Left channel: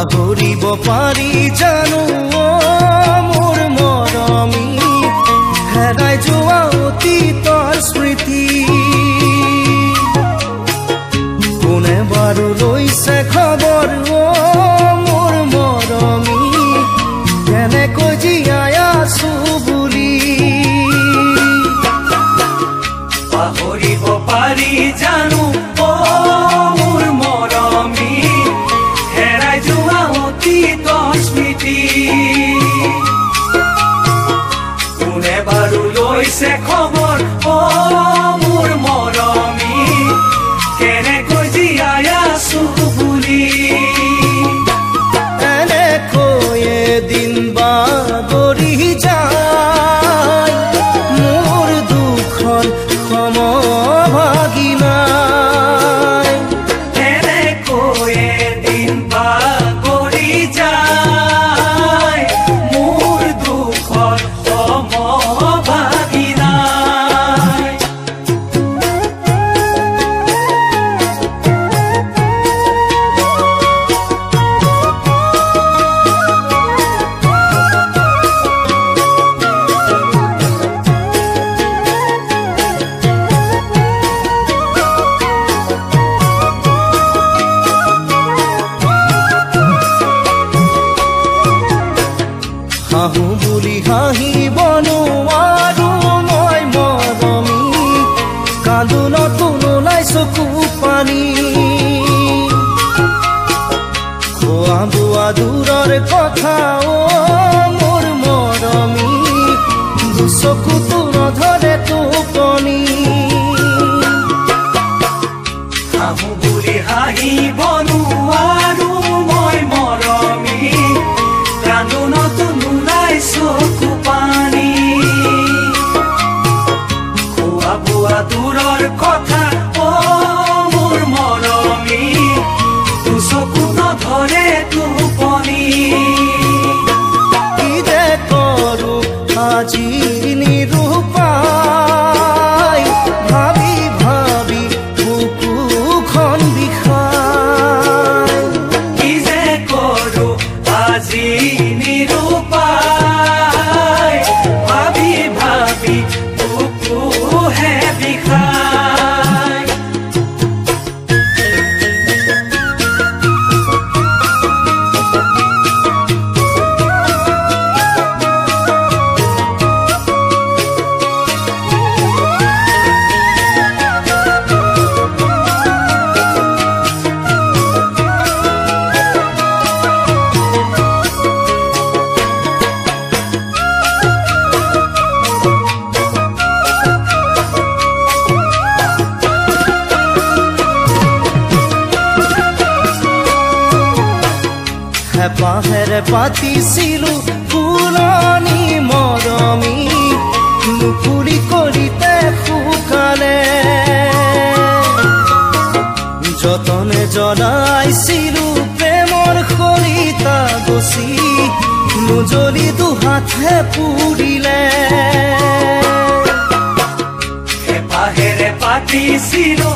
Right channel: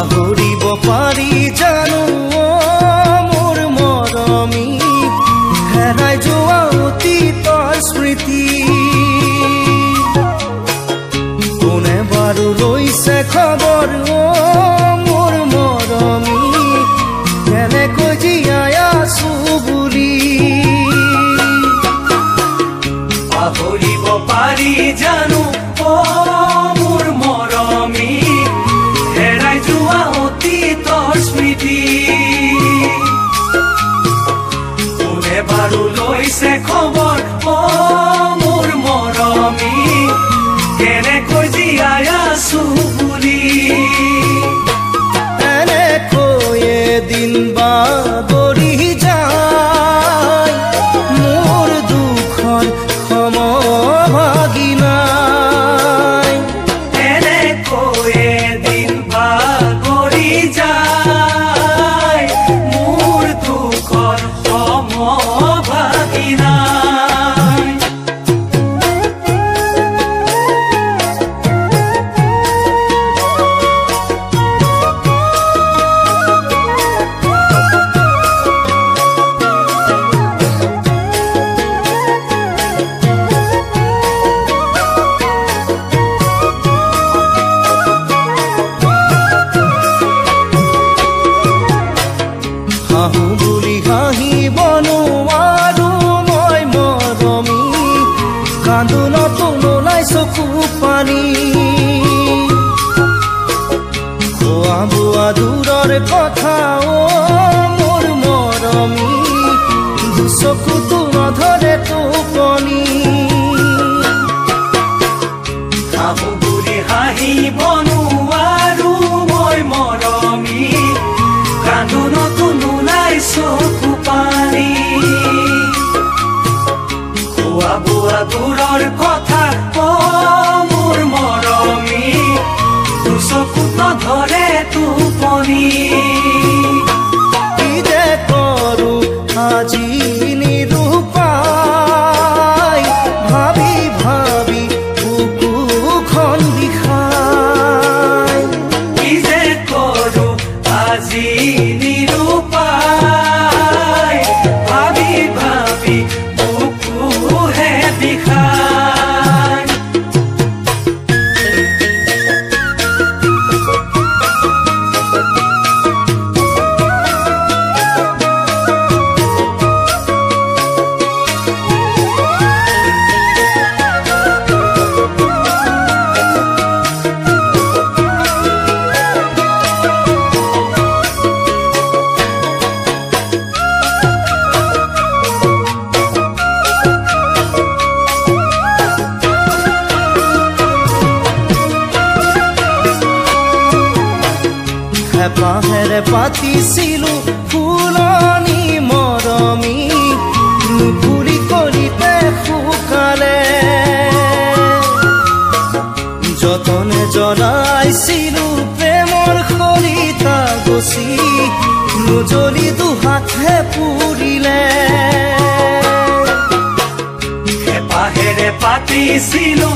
পাহৰিব পাৰি জানো মোৰ মৰমী হেৰাই যোৱা অতীতৰ স্মৃতি কোনে বাৰু লৈছে খবৰ মোৰ মৰমী কেনেকৈ জীয়াই আছো বুলি পাহৰিব পাৰি জানো মোৰ মৰমী হেৰাই যোৱা অতীতৰ স্মৃতি কোনে বাৰু লৈছে খবৰ মোৰ মৰমী কেনেকৈ জীয়াই আছো বুলি এনেকৈ এদিন বাগৰি যায় মোৰ দুখৰ সমভাগী নাই এনেকৈ এদিন বাগৰি যায় মোৰ দুখৰ সমভাগী নাই হাঁহো বুলি হাঁহিব নোৱাৰো মই মৰমী কান্দোনতো নোলাই চকু পানী খোৱা বোৱা দূৰৰ কথা মোৰ মৰমী দুচকুতো নধৰে টোপনি হাঁহো বুলি হাঁহিব নোৱাৰো মই মৰমী কান্দোনতো নোলাই চকু পানী খোৱা বোৱা দূৰৰ কথা মোৰ মৰমী দুচকু নধৰে টোপনি কি যে কৰো আজি নিৰূপায় ভাবি ভাবি বুকুখন বিষায় কি যে কৰো আজি নিৰূপায় ভাবি ভাবি বুকুহে বিষায় হেপাহেৰে পাতিছিলো ফুলনি মৰমী নুফুলি কলিতে শুকালে যতনে জ্বলাইছিলো প্ৰেমৰ খৰিতা গছি নুজ্বলি দুহাতে পুৰিলে হেপাহেৰে পাতিছিলো